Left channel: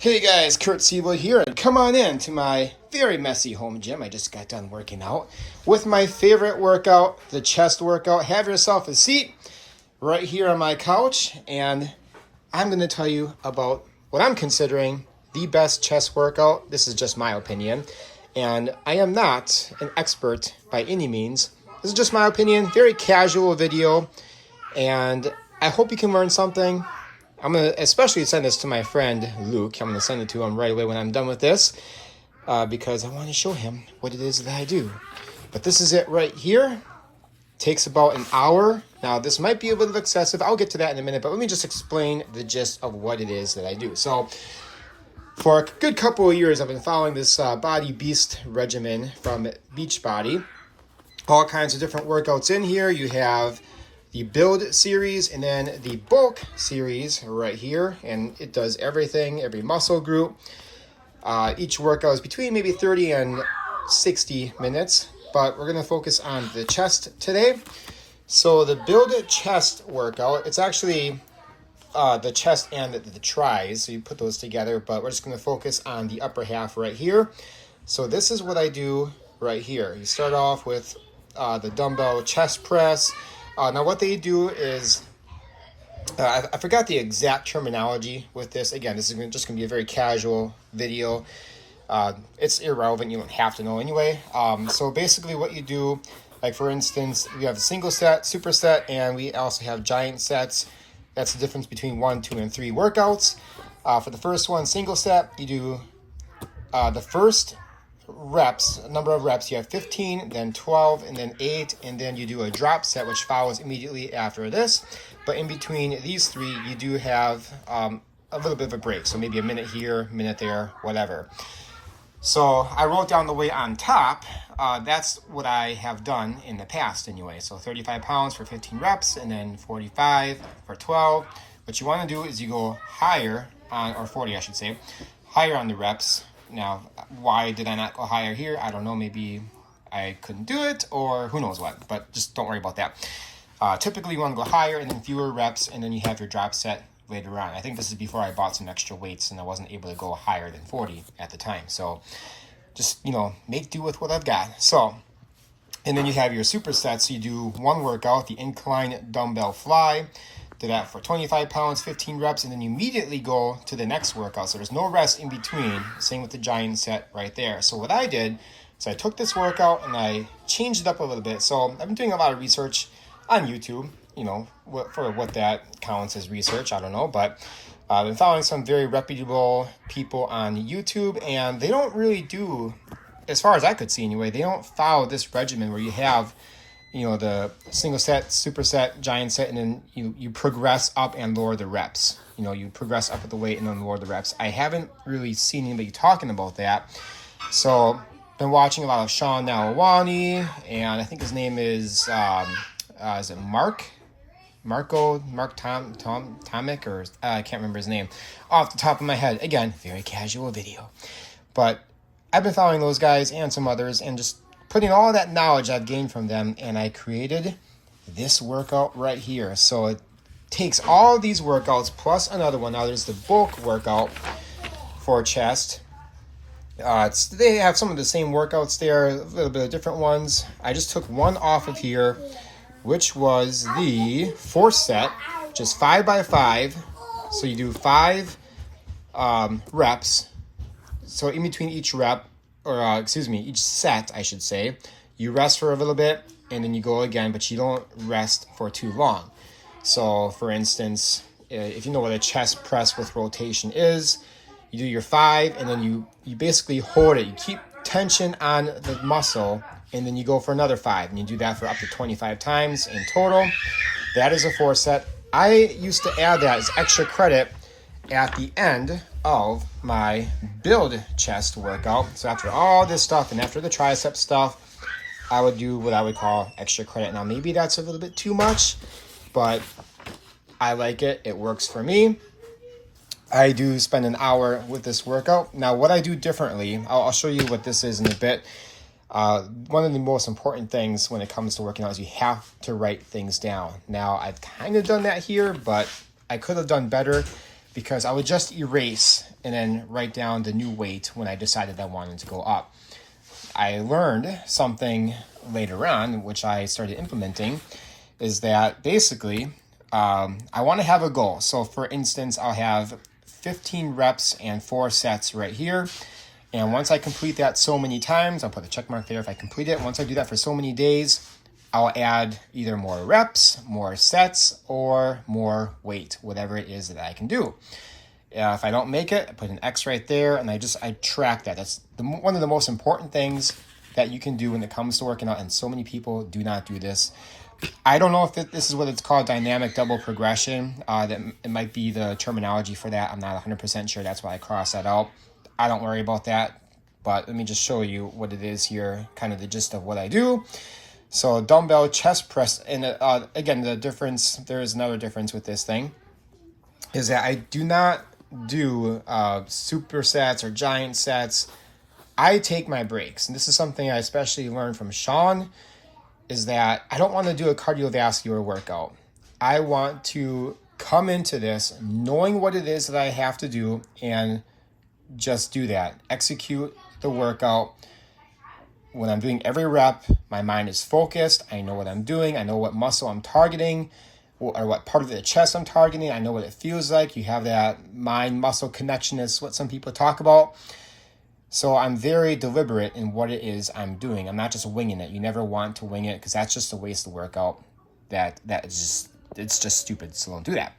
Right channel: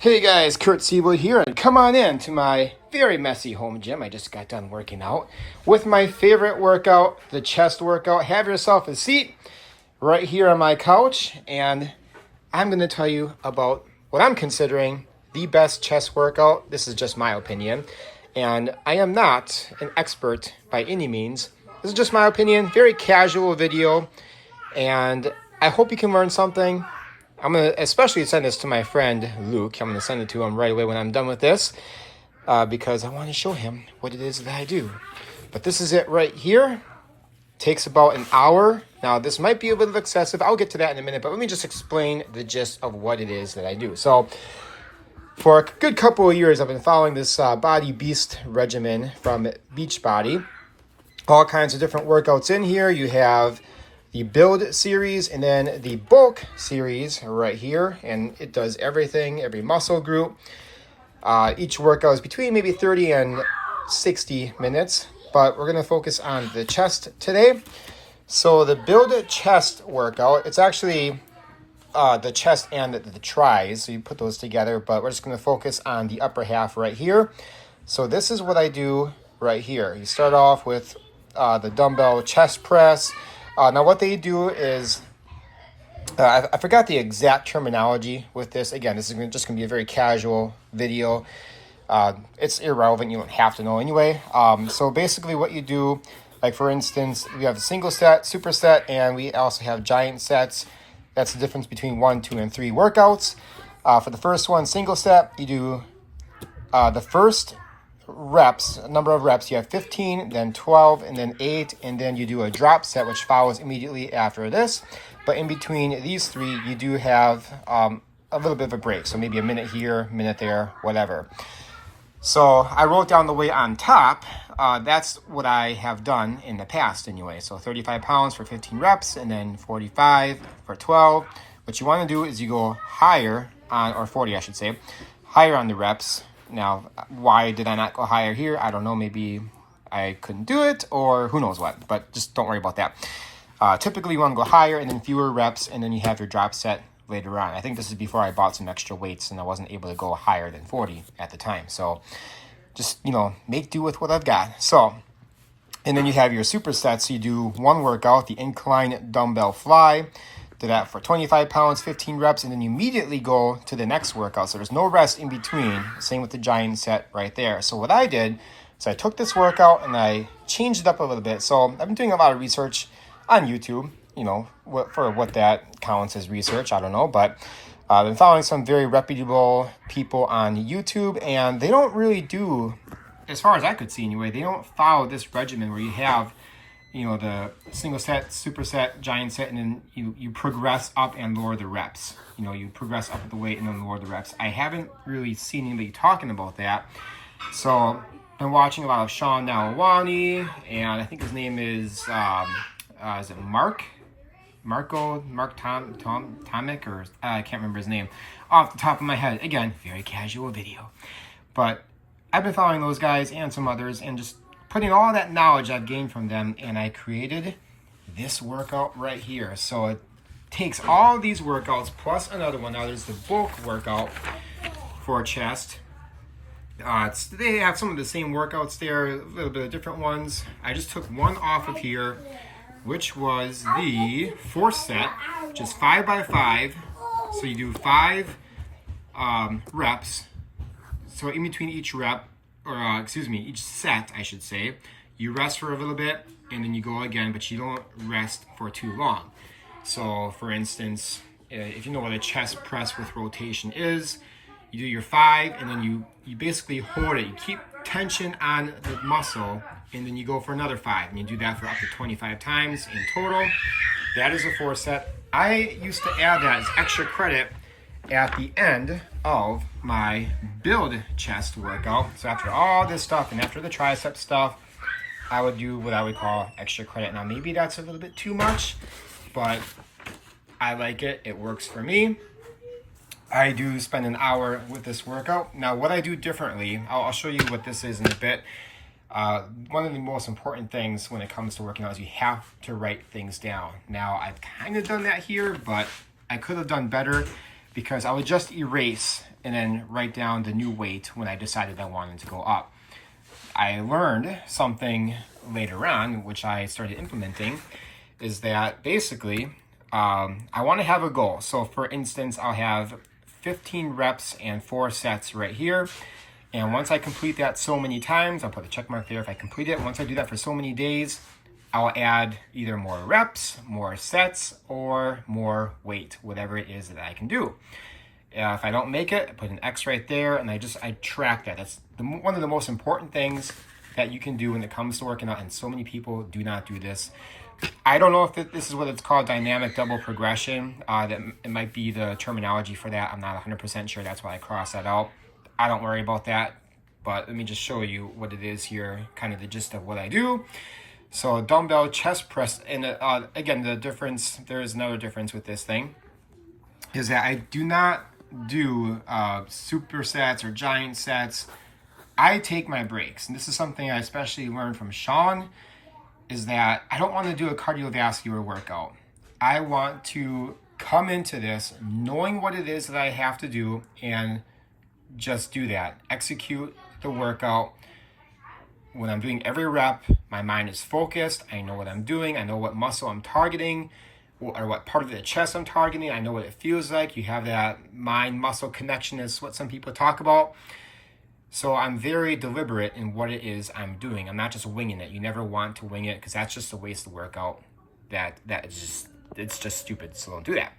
Hey guys, Kurt Seawood here, and come on in to my very messy home gym. I just got done working out with my favorite workout, the chest workout. Have yourself a seat right here on my couch, and I'm going to tell you about what I'm considering the best chest workout. This is just my opinion, and I am not an expert by any means. This is just my opinion, very casual video, and I hope you can learn something. I'm going to especially send this to my friend Luke. I'm going to send it to him right away when I'm done with this because I want to show him what it is that I do. But this is it right here. Takes about an hour. Now, this might be a little excessive. I'll get to that in a minute, but let me just explain the gist of what it is that I do. So, for a good couple of years, I've been following this Body Beast regimen from Beachbody. All kinds of different workouts in here. You have the Build series and then the Bulk series right here, and it does everything, every muscle group. Each workout is between maybe 30 and 60 minutes, but we're going to focus on the chest today. So the Build chest workout, it's actually the chest and the tries, so you put those together, but we're just going to focus on the upper half right here. So this is what I do right here. You start off with the dumbbell chest press. Now what they do is, I forgot the exact terminology with this. Again, this is just going to be a very casual video. It's irrelevant. You don't have to know anyway. So basically what you do, like for instance, we have a single set, superset, and we also have giant sets. That's the difference between 1, 2, and 3 workouts. For the first one, single set, you do the first reps, number of reps, you have 15, then 12, and then 8, and then you do a drop set, which follows immediately after this. But in between these 3, you do have a little bit of a break. So maybe a minute here, minute there, whatever. So I wrote down the weight on top. That's what I have done in the past anyway. So 35 pounds for 15 reps, and then 45 for 12. What you want to do is you go higher on, or 40 I should say, higher on the reps. Now, why did I not go higher here? I don't know. Maybe I couldn't do it, or who knows what. But just don't worry about that. Typically, you want to go higher and then fewer reps, and then you have your drop set later on. I think this is before I bought some extra weights, and I wasn't able to go higher than 40 at the time. So just, make do with what I've got. So, and then you have your supersets. So you do one workout, the incline dumbbell fly. Do that for 25 pounds, 15 reps, and then you immediately go to the next workout. So there's no rest in between. Same with the giant set right there. So what I did is I took this workout and I changed it up a little bit. So I've been doing a lot of research on YouTube, for what that counts as research. I don't know, but I've been following some very reputable people on YouTube, and they don't really do, as far as I could see anyway, they don't follow this regimen where you have the single set, superset, giant set, and then you progress up and lower the reps. You progress up with the weight and then lower the reps. I haven't really seen anybody talking about that. So, been watching a lot of Sean Nalwani, and I think his name is it Mark Tomic, or I can't remember his name off the top of my head. Again, very casual video. But I've been following those guys and some others, and just putting all that knowledge I've gained from them, and I created this workout right here. So it takes all these workouts plus another one. Now there's the bulk workout for chest. They have some of the same workouts there, a little bit of different ones. I just took one off of here, which was the 4th set, just 5 by 5. So you do 5 reps. So in between each rep, or each set, I should say, you rest for a little bit, and then you go again, but you don't rest for too long. So, for instance, if you know what a chest press with rotation is, you do your 5, and then you basically hold it. You keep tension on the muscle, and then you go for another 5, and you do that for up to 25 times in total. That is a 4 set. I used to add that as extra credit at the end of my Build chest workout. So after all this stuff and after the tricep stuff, I would do what I would call extra credit. Now maybe that's a little bit too much, but I like it. It works for me. I do spend an hour with this workout. Now what I do differently, I'll show you what this is in a bit. One of the most important things when it comes to working out is you have to write things down. Now I've kind of done that here, but I could have done better, because I would just erase and then write down the new weight when I decided I wanted to go up. I learned something later on, which I started implementing, is that basically I want to have a goal. So for instance, I'll have 15 reps and 4 sets right here. And once I complete that so many times, I'll put a check mark there if I complete it. Once I do that for so many days, I'll add either more reps, more sets, or more weight, whatever it is that I can do. If I don't make it, I put an X right there, and I track that. That's one of the most important things that you can do when it comes to working out, and so many people do not do this. I don't know if this is what it's called, dynamic double progression. It might be the terminology for that. I'm not 100% sure. That's why I crossed that out. I don't worry about that, but let me just show you what it is here, kind of the gist of what I do. So dumbbell chest press, and again, the difference, there is another difference with this thing, is that I do not do supersets or giant sets. I take my breaks, and this is something I especially learned from Sean, is that I don't want to do a cardiovascular workout. I want to come into this knowing what it is that I have to do and just do that. Execute the workout. When I'm doing every rep, my mind is focused. I know what I'm doing. I know what muscle I'm targeting or what part of the chest I'm targeting. I know what it feels like. You have that mind-muscle connection is what some people talk about. So I'm very deliberate in what it is I'm doing. I'm not just winging it. You never want to wing it because that's just a waste of workout. It's just stupid. So don't do that.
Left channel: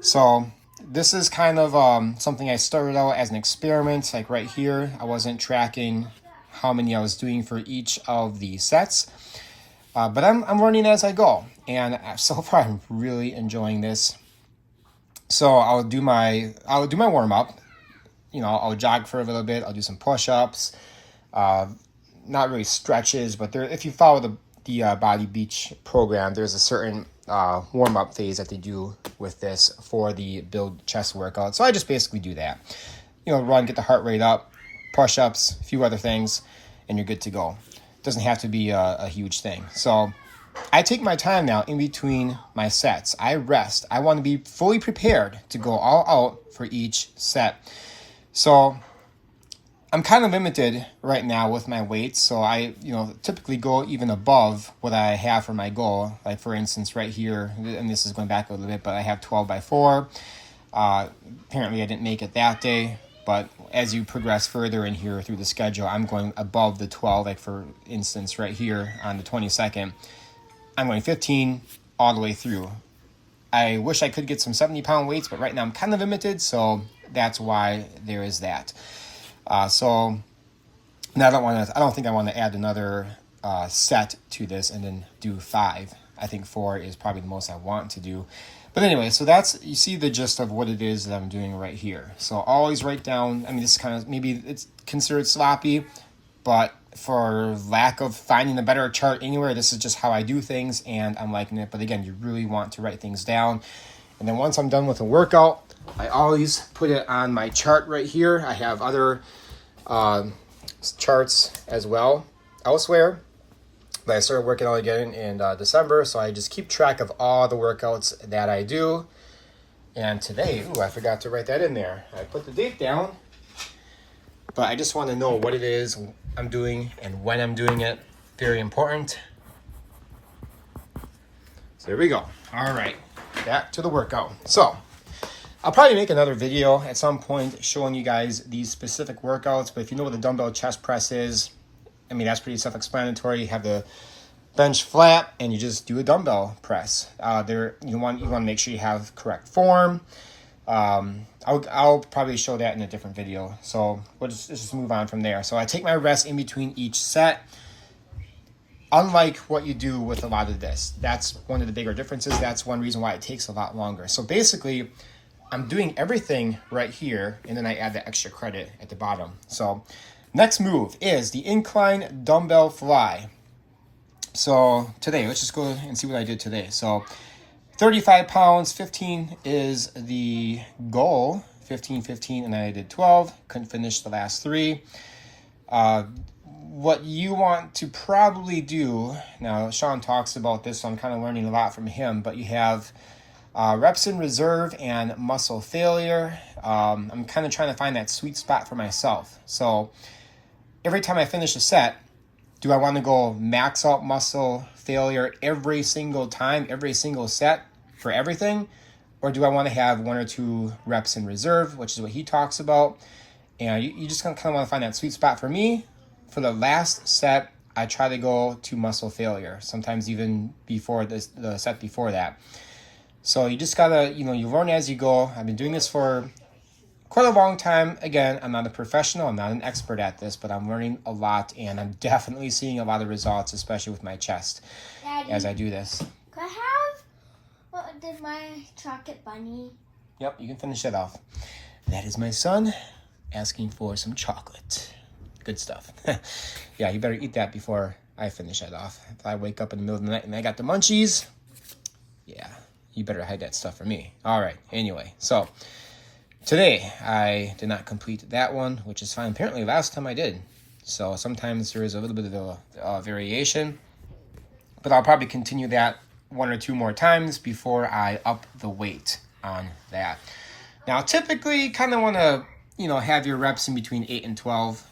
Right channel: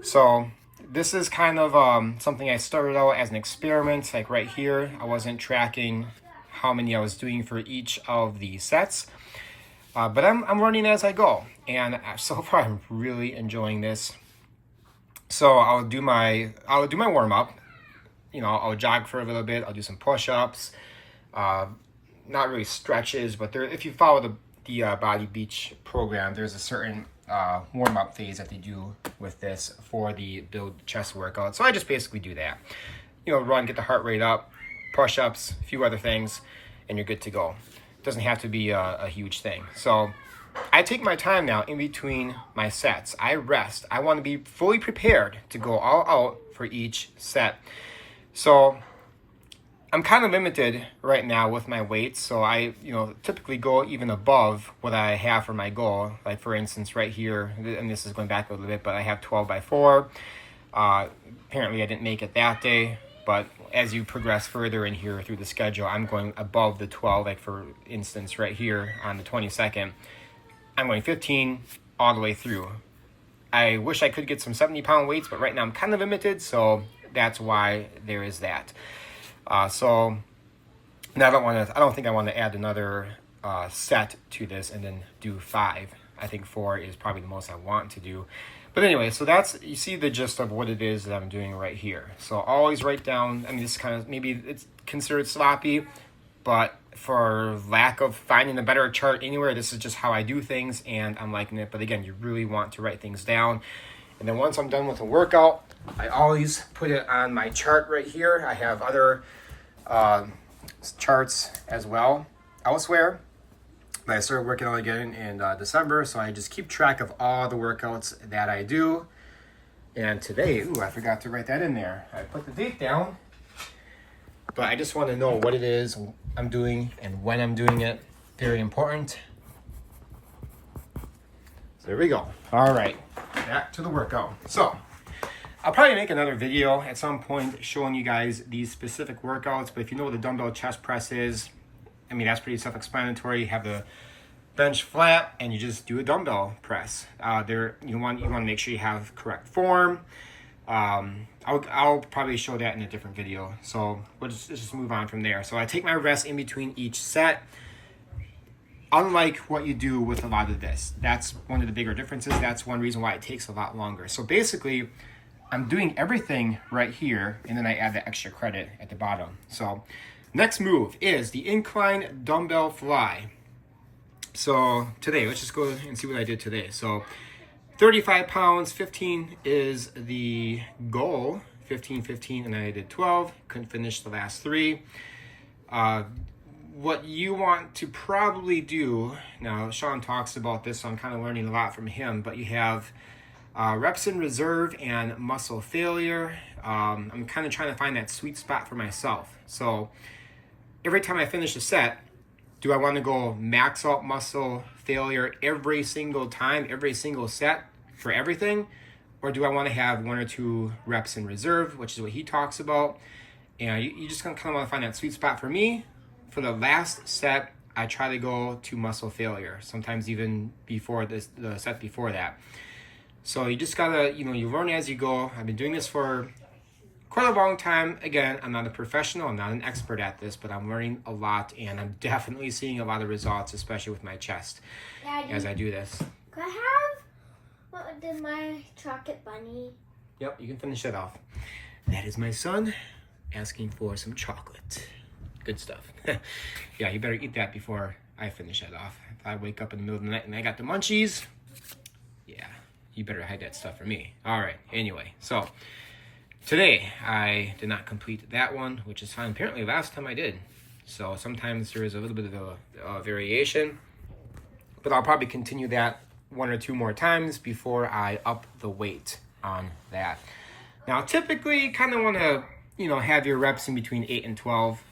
So this is kind of something I started out as an experiment. Like right here, I wasn't tracking how many I was doing for each of the sets. But I'm learning as I go. And so far, I'm really enjoying this. So I'll do my warm-up. You know, I'll jog for a little bit. I'll do some push-ups. Not really stretches, but if you follow the Body Beach program, there's a certain warm-up phase that they do with this for the build chest workout. So I just basically do that. You know, run, get the heart rate up, push-ups, a few other things, and you're good to go. It doesn't have to be a huge thing. So I take my time now in between my sets. I rest. I want to be fully prepared to go all out for each set. So I'm kind of limited right now with my weights. So I, typically go even above what I have for my goal. Like for instance, right here, and this is going back a little bit, but I have 12 by 4. Apparently I didn't make it that day, but as you progress further in here through the schedule, I'm going above the 12. Like for instance, right here on the 22nd, I'm going 15 all the way through. I wish I could get some 70-pound weights, but right now I'm kind of limited, so that's why there is that. So now I don't think I want to add another set to this and then do 5. I think 4 is probably the most I want to do. But anyway, so you see the gist of what it is that I'm doing right here. So always write down, this is kind of, maybe it's considered sloppy, but for lack of finding a better chart anywhere, this is just how I do things and I'm liking it. But again, you really want to write things down. And then once I'm done with the workout, I always put it on my chart right here. I have other charts as well elsewhere. But I started working out again in December, so I just keep track of all the workouts that I do. And today, I forgot to write that in there. I put the date down, but I just want to know what it is I'm doing and when I'm doing it. Very important. So here we go. All right, back to the workout. So I'll probably make another video at some point showing you guys these specific workouts, but if you know what the dumbbell chest press is, that's pretty self-explanatory. You have the bench flat and you just do a dumbbell press. You want to make sure you have correct form. I'll probably show that in a different video. So let's just move on from there. So I take my rest in between each set. Unlike what you do with a lot of this, that's one of the bigger differences. That's one reason why it takes a lot longer. So basically, I'm doing everything right here, and then I add the extra credit at the bottom. So next move is the incline dumbbell fly. So today, let's just go and see what I did today. So 35 pounds, 15 is the goal. 15, and I did 12. Couldn't finish the last 3. What you want to probably do, now Sean talks about this, so I'm kind of learning a lot from him, but you have Reps in reserve and muscle failure. I'm kind of trying to find that sweet spot for myself. So every time I finish a set, do I want to go max out muscle failure every single time, every single set for everything? Or do I want to have 1 or 2 reps in reserve, which is what he talks about? And you just kind of want to find that sweet spot. For me, for the last set, I try to go to muscle failure, sometimes even before the set before that. So you just gotta, you learn as you go. I've been doing this for quite a long time. Again, I'm not a professional, I'm not an expert at this, but I'm learning a lot, and I'm definitely seeing a lot of results, especially with my chest, Daddy, as I do this. Can I have my chocolate bunny? Yep, you can finish it off. That is my son asking for some chocolate. Good stuff. Yeah, you better eat that before I finish it off. If I wake up in the middle of the night and I got the munchies, yeah, you better hide that stuff from me. All right, anyway, so today I did not complete that one, which is fine. Apparently last time I did. So sometimes there is a little bit of a variation, but I'll probably continue that 1 or 2 more times before I up the weight on that. Now, typically you kind of want to, have your reps in between 8 and 12.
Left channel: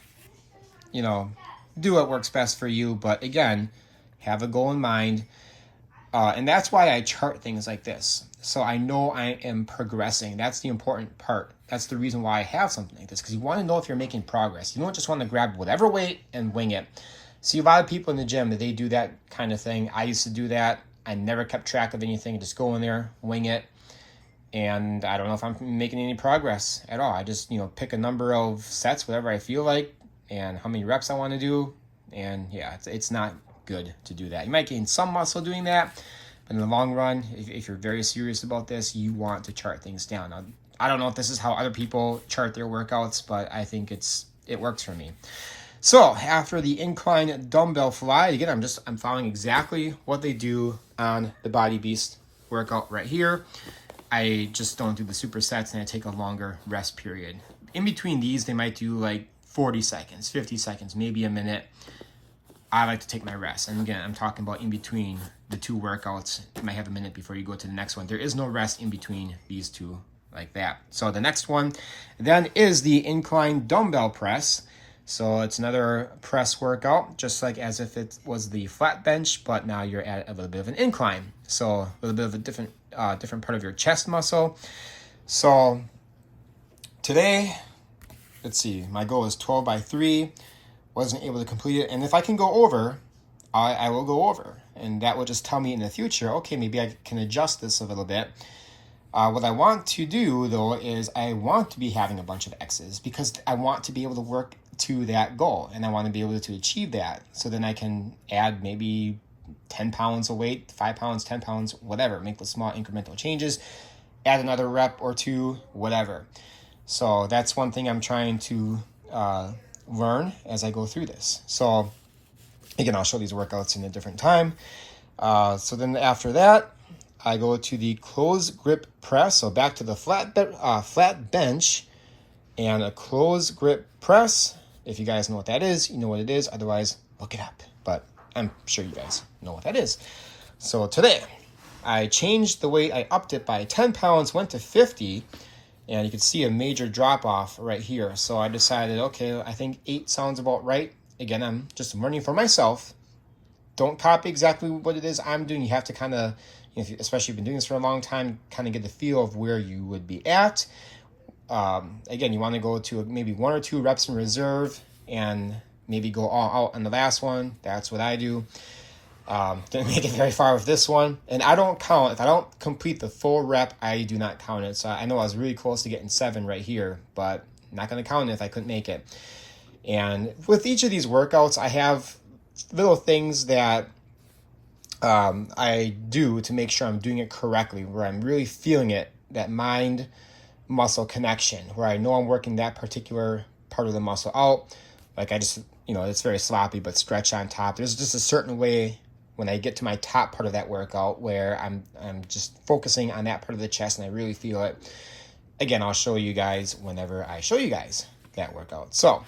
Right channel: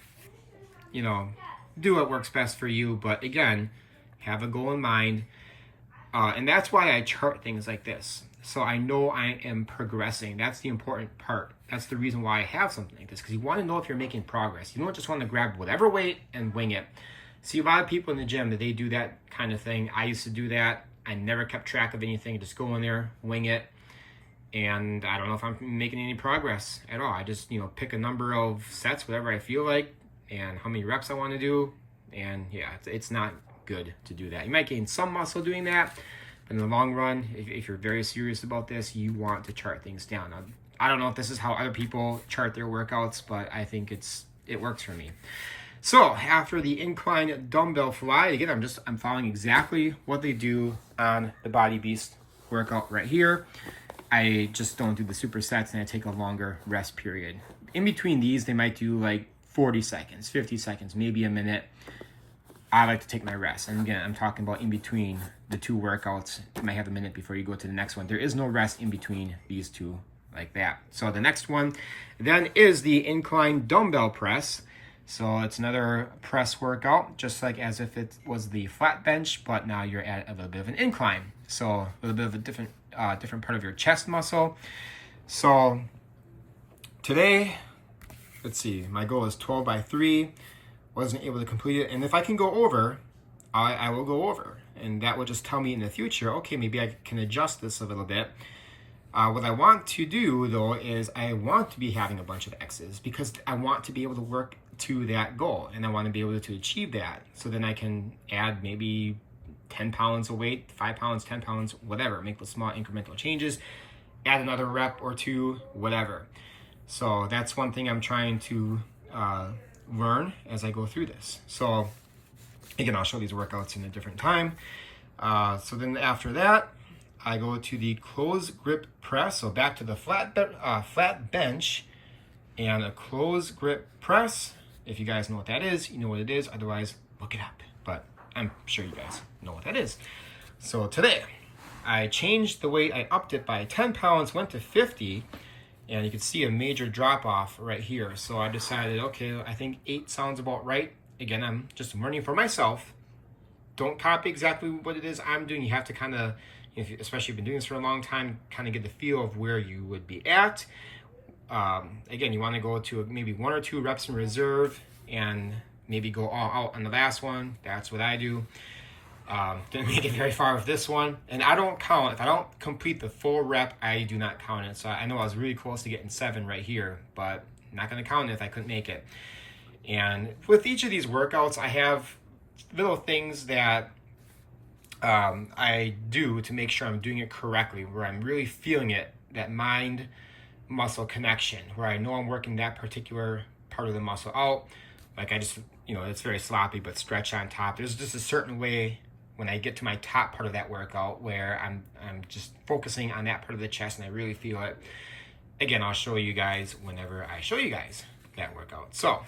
Do what works best for you. But again, have a goal in mind. And that's why I chart things like this. So I know I am progressing. That's the important part. That's the reason why I have something like this, because you want to know if you're making progress. You don't just want to grab whatever weight and wing it. See, a lot of people in the gym, they do that kind of thing. I used to do that. I never kept track of anything. Just go in there, wing it. And I don't know if I'm making any progress at all. I just, pick a number of sets, whatever I feel like, and how many reps I want to do. And yeah, it's not good to do that. You might gain some muscle doing that, but in the long run, if you're very serious about this, you want to chart things down. Now, I don't know if this is how other people chart their workouts, but I think it works for me. So after the incline dumbbell fly, again, I'm following exactly what they do on the Body Beast workout right here. I just don't do the supersets, and I take a longer rest period. In between these, they might do like 40 seconds, 50 seconds, maybe a minute. I like to take my rest. And again, I'm talking about in between the 2 workouts. You might have a minute before you go to the next one. There is no rest in between these 2 like that. So the next one then is the incline dumbbell press. So it's another press workout, just like as if it was the flat bench, but now you're at a little bit of an incline. So a little bit of a different part of your chest muscle. So today, let's see, my goal is 12 by 3. Wasn't able to complete it. And if I can go over, I will go over. And that will just tell me in the future, okay, maybe I can adjust this a little bit. What I want to do, though, is I want to be having a bunch of X's because I want to be able to work to that goal, and I want to be able to achieve that. So then I can add maybe 10 pounds of weight, 5 pounds, 10 pounds, whatever. Make the small incremental changes, add another rep or 2, whatever. So that's one thing I'm trying to learn as I go through this. So again, I'll show these workouts in a different time. So then after that, I go to the close grip press. So back to the flat bench and a close grip press. If you guys know what that is, you know what it is. Otherwise, look it up. But I'm sure you guys know what that is. So today, I changed the weight. I upped it by 10 pounds, went to 50. And you can see a major drop off right here. So I decided, okay, I think 8 sounds about right. Again, I'm just learning for myself. Don't copy exactly what it is I'm doing. You have to kind of, especially if you've been doing this for a long time, kind of get the feel of where you would be at. Again, you want to go to maybe 1 or 2 reps in reserve and maybe go all out on the last one. That's what I do. Didn't make it very far with this one. And I don't count. If I don't complete the full rep, I do not count it. So I know I was really close to getting 7 right here, but I'm not going to count it if I couldn't make it. And with each of these workouts, I have little things that I do to make sure I'm doing it correctly, where I'm really feeling it, that mind-muscle connection, where I know I'm working that particular part of the muscle out. Like I just, it's very sloppy, but stretch on top. There's just a certain way when I get to my top part of that workout where I'm just focusing on that part of the chest and I really feel it. Again, I'll show you guys whenever I show you guys that workout. So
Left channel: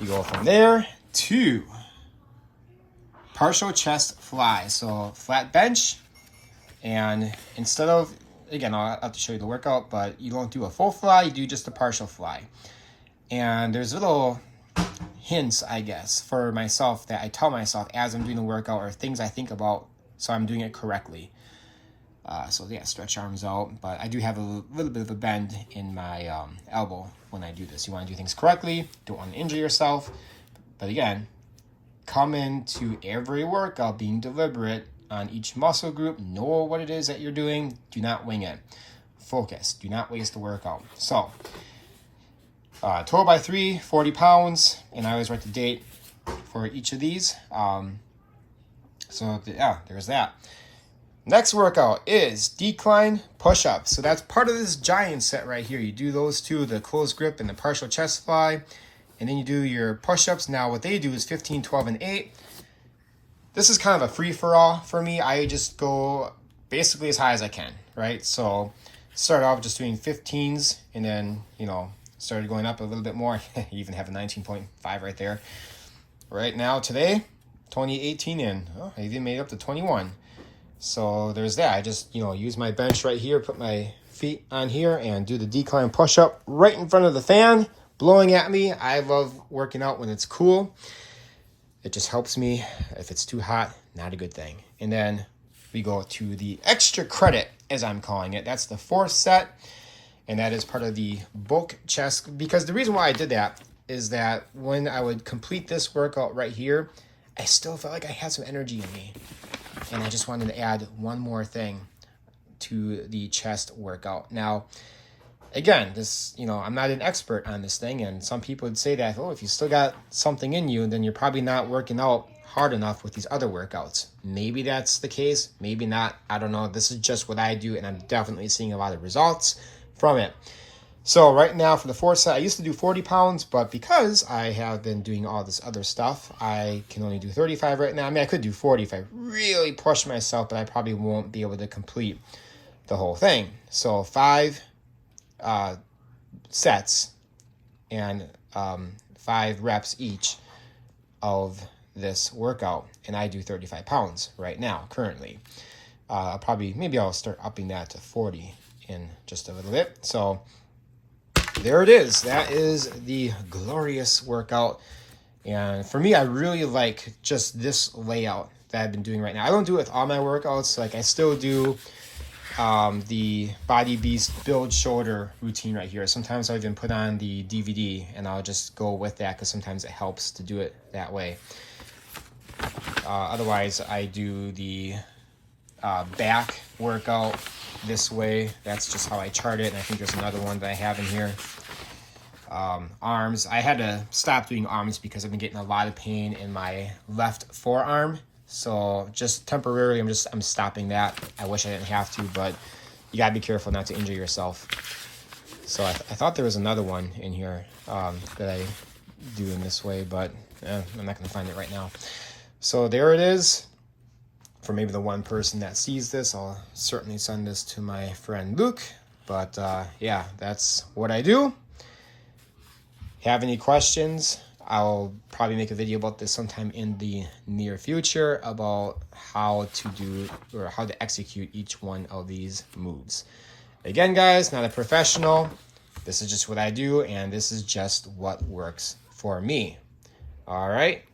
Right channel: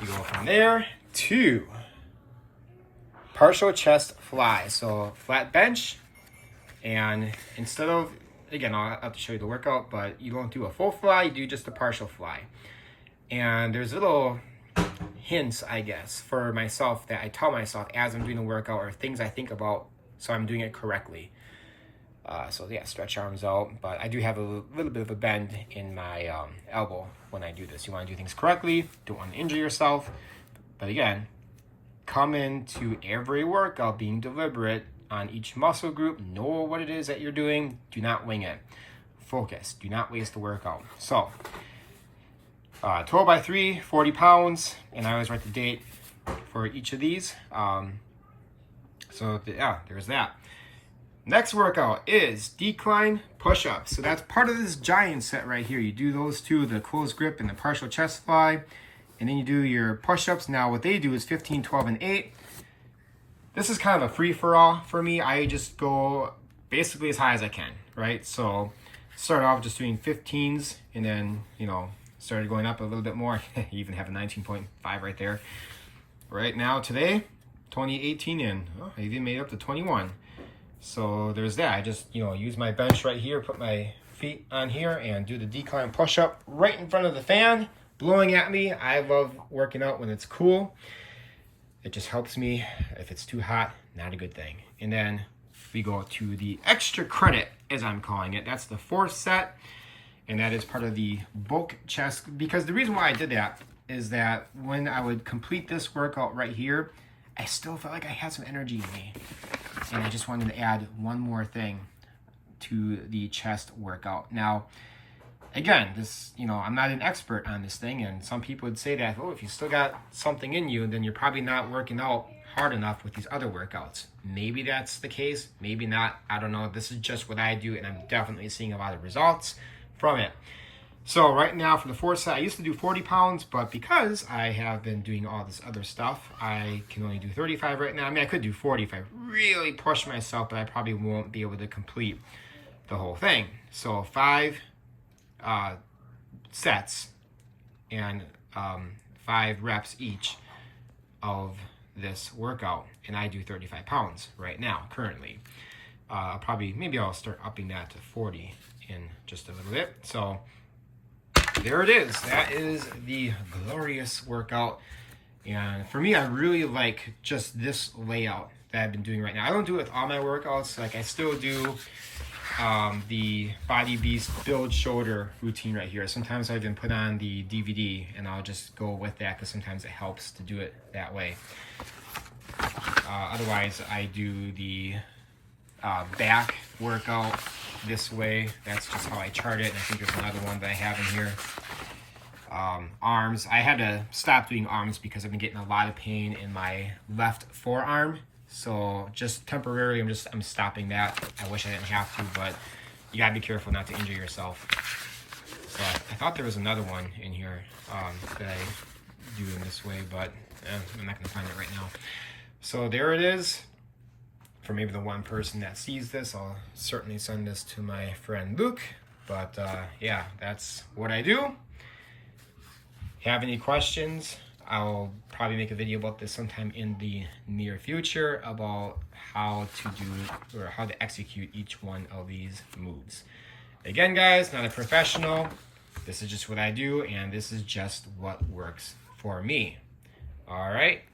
you go from there to partial chest fly. So flat bench, and instead of again, I'll have to show you the workout, but you don't do a full fly, you do just a partial fly. And there's little hints, I guess, for myself that I tell myself as I'm doing the workout, or things I think about so I'm doing it correctly. So yeah, stretch arms out, but I do have a little bit of a bend in my elbow when I do this. You want to do things correctly, don't want to injure yourself. But again, come into every workout being deliberate on each muscle group. Know what it is that you're doing. Do not wing it. Focus. Do not waste the workout. So, total by 3, 40 pounds. And I always write the date for each of these. Yeah, there's that. Next workout is decline push-ups. So that's part of this giant set right here. You do those two, the closed grip and the partial chest fly. And then you do your push-ups. Now what they do is 15, 12, and 8. This is kind of a free-for-all for me. I just go basically as high as I can, right? So start off just doing 15s and then, started going up a little bit more. You even have a 19.5 right there. Right now, today, 2018 in. I even made it up to 21. So there's that. I just, use my bench right here, put my feet on here and do the decline push-up right in front of the fan, blowing at me. I love working out when it's cool. It just helps me. If it's too hot, not a good thing. And then we go to the extra credit, as I'm calling it. That's the 4th set, and that is part of the bulk chest. Because the reason why I did that is that when I would complete this workout right here, I still felt like I had some energy in me. And I just wanted to add one more thing to the chest workout. Now, again, this, I'm not an expert on this thing, and some people would say that, if you still got something in you, then you're probably not working out hard enough with these other workouts. Maybe that's the case, maybe not. I don't know. This is just what I do, and I'm definitely seeing a lot of results from it. So right now for the 4th set, I used to do 40 pounds, but because I have been doing all this other stuff, I can only do 35 right now. I mean, I could do 40 if I really push myself, but I probably won't be able to complete the whole thing. So 5 sets and 5 reps each of this workout, and I do 35 pounds right now currently. Maybe I'll start upping that to 40 in just a little bit. So there it is. That is the glorious workout, and for me, I really like just this layout that I've been doing right now. I don't do it with all my workouts. Like, I still do the Body Beast build shoulder routine right here. Sometimes I even put on the DVD and I'll just go with that because sometimes it helps to do it that way. Otherwise, I do the back workout this way. That's just how I chart it. And I think there's another one that I have in here. Arms. I had to stop doing arms because I've been getting a lot of pain in my left forearm. So just temporarily, I'm stopping that. I wish I didn't have to, but you gotta be careful not to injure yourself. So I thought there was another one in here that I do in this way, but I'm not gonna find it right now. So there it is. For maybe the one person that sees this, I'll certainly send this to my friend Luke. But yeah, that's what I do. Have any questions? I'll probably make a video about this sometime in the near future about how to do or how to execute each one of these moves. Again, guys, not a professional. This is just what I do, and this is just what works for me. All right.